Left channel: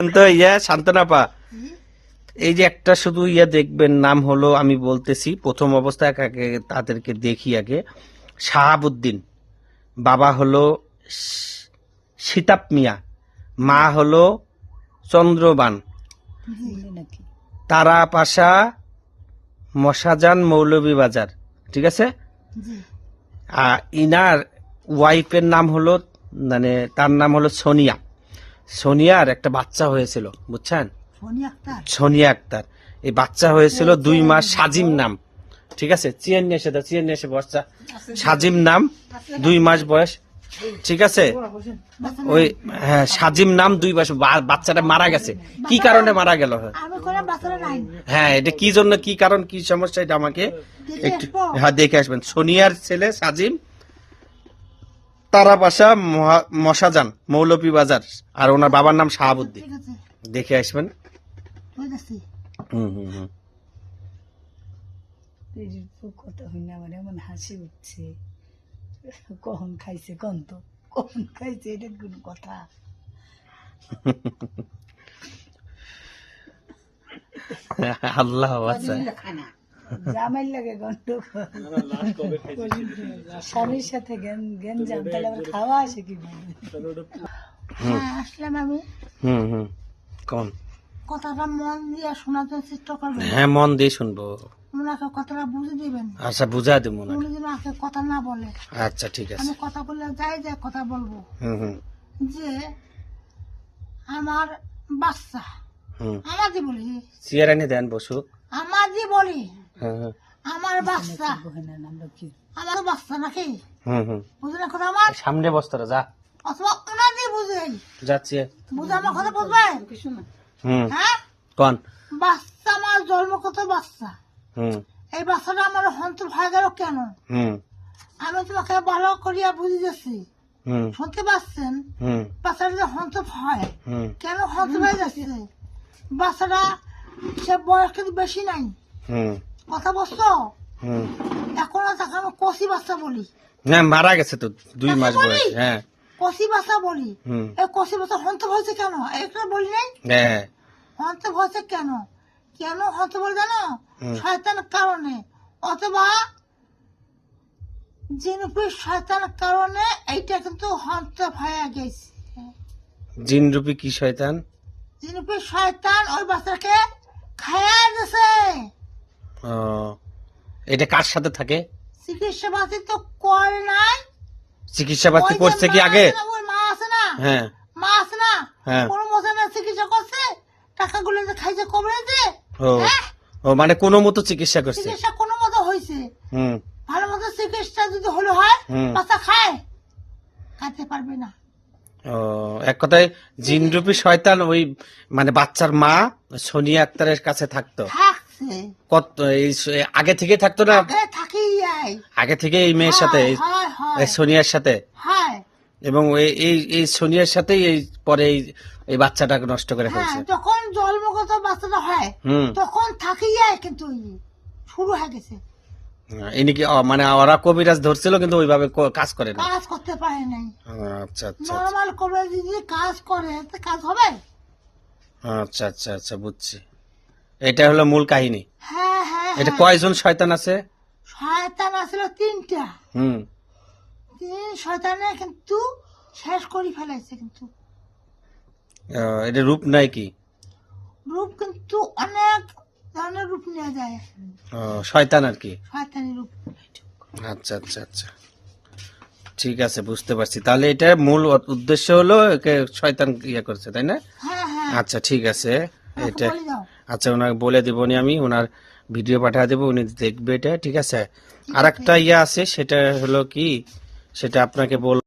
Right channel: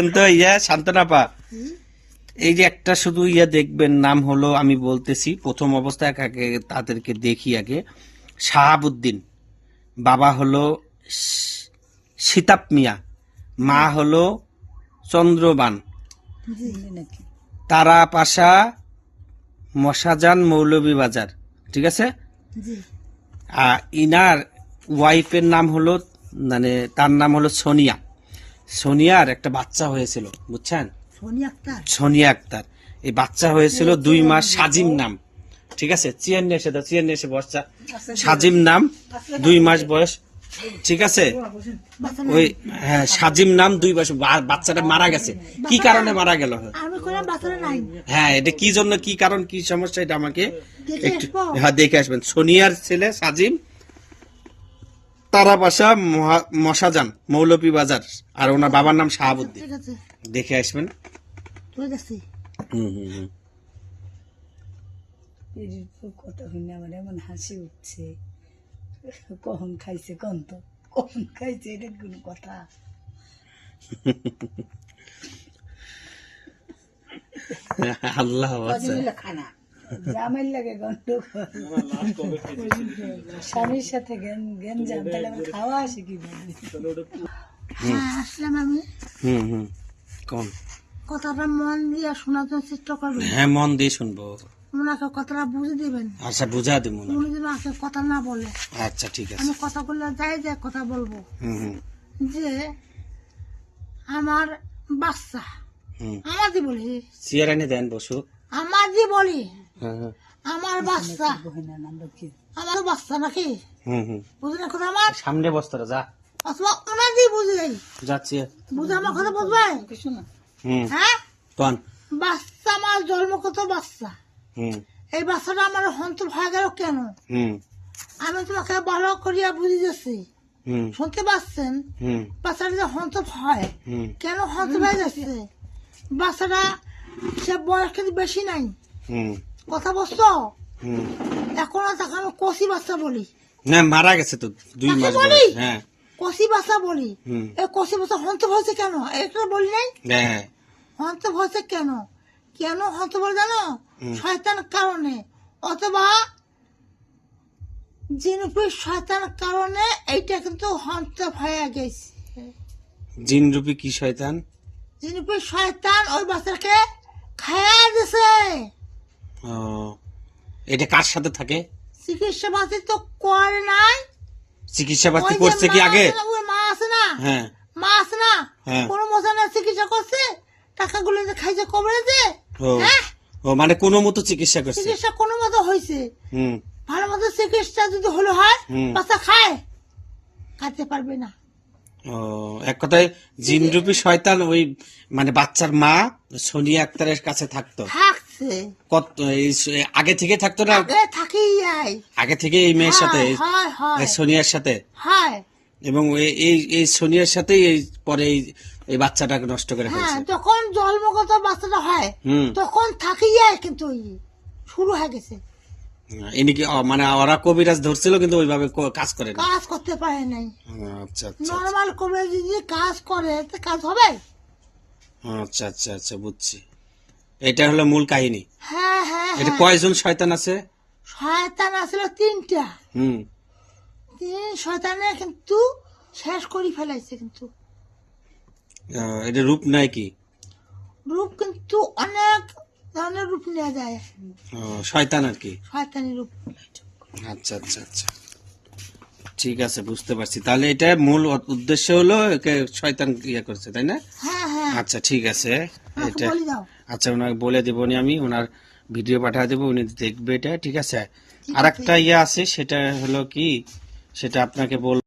কিন্তু শান্তনাপা, এই যে একটা শুধু দেখবেন, নাম হলো, আমি বলতেছি প্রথম অবস্থায় তাদেরকে দেখি আগে। শাহাবুদ্দিন, বাবা হলো সিতাব মিয়া, মা হলো চন্দ্রবান, তারা পাশা, মশাজান, মৌলভীবাজার, ঠিক আছে। ইনার ওয়াইফের নাম হলো, মানে তার নাম হলো সোনিয়া। সোনিয়ার একটা বাচ্চা হয়েছিল, বুঝছেন, সোনিয়া আক্তার। এই বাচ্চা হয়েছিল 2 মাস, সাজিম নাম, ঠিক আছে। চিয়ান নিয়ে এসে বাচ্চা, সাজিম নাম, 2 মাস বয়স, ঠিক আছে। ওই হ্যাঁ, সাজিম নাম, 2 মাস। বাচ্চাটা মারা গেছে, কি কারণে মারা গেল? হ্যাঁ, এটা কি জন্য, কি কারণ, কি সমস্যা, এটা আমাকে একটু দেখে আসবেন। সোনিয়ার ছেলে সাজিম, তারা বাসা মশাজান, মৌলভীবাজার, আর ওনার বাবার নাম শাহাবুদ্দিন। দেখে আসবেন। কথা হইনা আমার এমন হাসি উঠছে, কখন খাইছে কোন তো, কখন খাইছে, এটা কোন কথা? আল্লাহ জামাইল লাগে গন্ধ, স্বামীর সাথে গেঞ্জাম, তাহলে আবার খাওয়া আসে কিভাবে? আসলাম আমি। কোন কথাটা মন দিয়ে শোনার জন্য চেষ্টা করবেন। হ্যাঁ, মন দিয়ে শুনবো। ওনাকে কথাটা বুঝে দিবেন। আচ্ছা, বুঝা দেবো। উনি যেন আজকে কথা না বলে। আচ্ছা, ঠিক আছে। আমি কথাগুলো যাই কথা বলবো। যে আমার বাচ্চা, আমারই বলি, চেয়ারানি দেন, বসুক, আমারই বলি, আমার বাচ্চা, আমার বাচ্চা নাকি, বুঝলেন কথা? আমার সামনে বস্তারা যা, অথবা ওনারই বুঝে যাচ্ছে, বুঝে আমার কথা বুঝবেন। হ্যাঁ, কোন বাচ্চা আমার জন্মগত বাচ্চা, এই বাচ্চাটা আমার হন্তর হয়ে গেল কেন? আমি তোমাকে ভালো করিয়া বুঝে যাচ্ছি, শুনতে পাচ্ছেন? বাচ্চাটা যে হন্তর হয়, কেন হন্তর হয়ে যাচ্ছে? বাচ্চাটা সে বয়স কিন্তু বেশি নাই, কথা বলছো? এখন তাকে আমি কষি বাচ্চা বলি। না, মারা গেছে তো 2 মাস বয়স। হ্যাঁ, কষি বাচ্চা বলি। এই কষি বাচ্চা হন্তর হয়েছে কেন? এটা বলি নাই? হ্যাঁ, হন্তর হয়েছে কেন? কেন হন্তর বলে জানো? শয়তান কারণে, অথবা জিনরূপী শয়তান কারণে এইটা কিন্তু হন্তর হয়ে গেছে। জিনরূপী কি শয়তান? জিনরূপী শয়তান ওই বাচ্চাকে খায়া দিছে। এটা কার সাথে থাকে? চিকিৎসা পাতি তো করে নাই। চিকিৎসা পাতি করছে কি আগে? ওই মা আছে না, হ্যাঁ, মা আছে না, কোন মজানা চিকিৎসা করছে, টাকাগুলো যে খাইছে কবরে দিয়ে। ও মানে কোনো মতো চিকিৎসা করছে, চিকিৎসা কোনো মতো হয়েছে। ভালো মতো চিকিৎসা যদি হলো হয়, বাচ্চা খায়, খাইতে পারবে না। এক কথায় জিনরূপী শয়তান ওই মানে বাচ্চার মা সোনিয়া আক্তারের কাছে থাকতো। কত আগে থেকে থাকতো না? আগে থেকে এই মেয়ের সাথে, সোনিয়ার সাথে, এবং এই সোনিয়ার সাথেই পরে এই বাচ্চাটাকে নষ্ট করে ফেলছে। যখন জন্মগত বাচ্চাটা হয় তখন থাকি যায়, কিন্তু শুরু হয়ে গেছে। ইনি কি মানে ওরা কবিরাজ ধরছিল কিন্তু ওইভাবে কাজ করে না, কাজ করতে পারে নাই। আচ্ছা আচ্ছা, নরমাল কবিরাজ যদি কাজ করে তো কাজ হবে। আচ্ছা আচ্ছা আচ্ছা, বুঝছি। এটা হলো মূল কাহিনী। হ্যাঁ হ্যাঁ। এটা কয়জন শয়তান আছে? শয়তান আছিল 3টা। 3 শয়তানে কিন্তু শেষ করে ফেলাইছে। কিন্তু এটা রূপ নাই কি? রূপ কিন্তু অনেক ধরনের রূপ নেওয়া যায়, শয়তান আর কি, শয়তানি রূপ। আচ্ছা আচ্ছা আচ্ছা, ঠিক আছে, বুঝতে পারছি। তাহলে এটা মূল উদ্দেশ্য হলো একে শয়তান করছে, তাই না? হ্যাঁ হ্যাঁ। আচ্ছা, ঠিক আছে। এটা আচ্ছা, ওনাকে বলে দেবো, আমি ওনার ভিডিও পাঠিয়ে দেবো, উনি দেখবে এটা, ঠিক আছে। আর একটা আছে, সেটা হলো কি, সেটা আপনাকে বল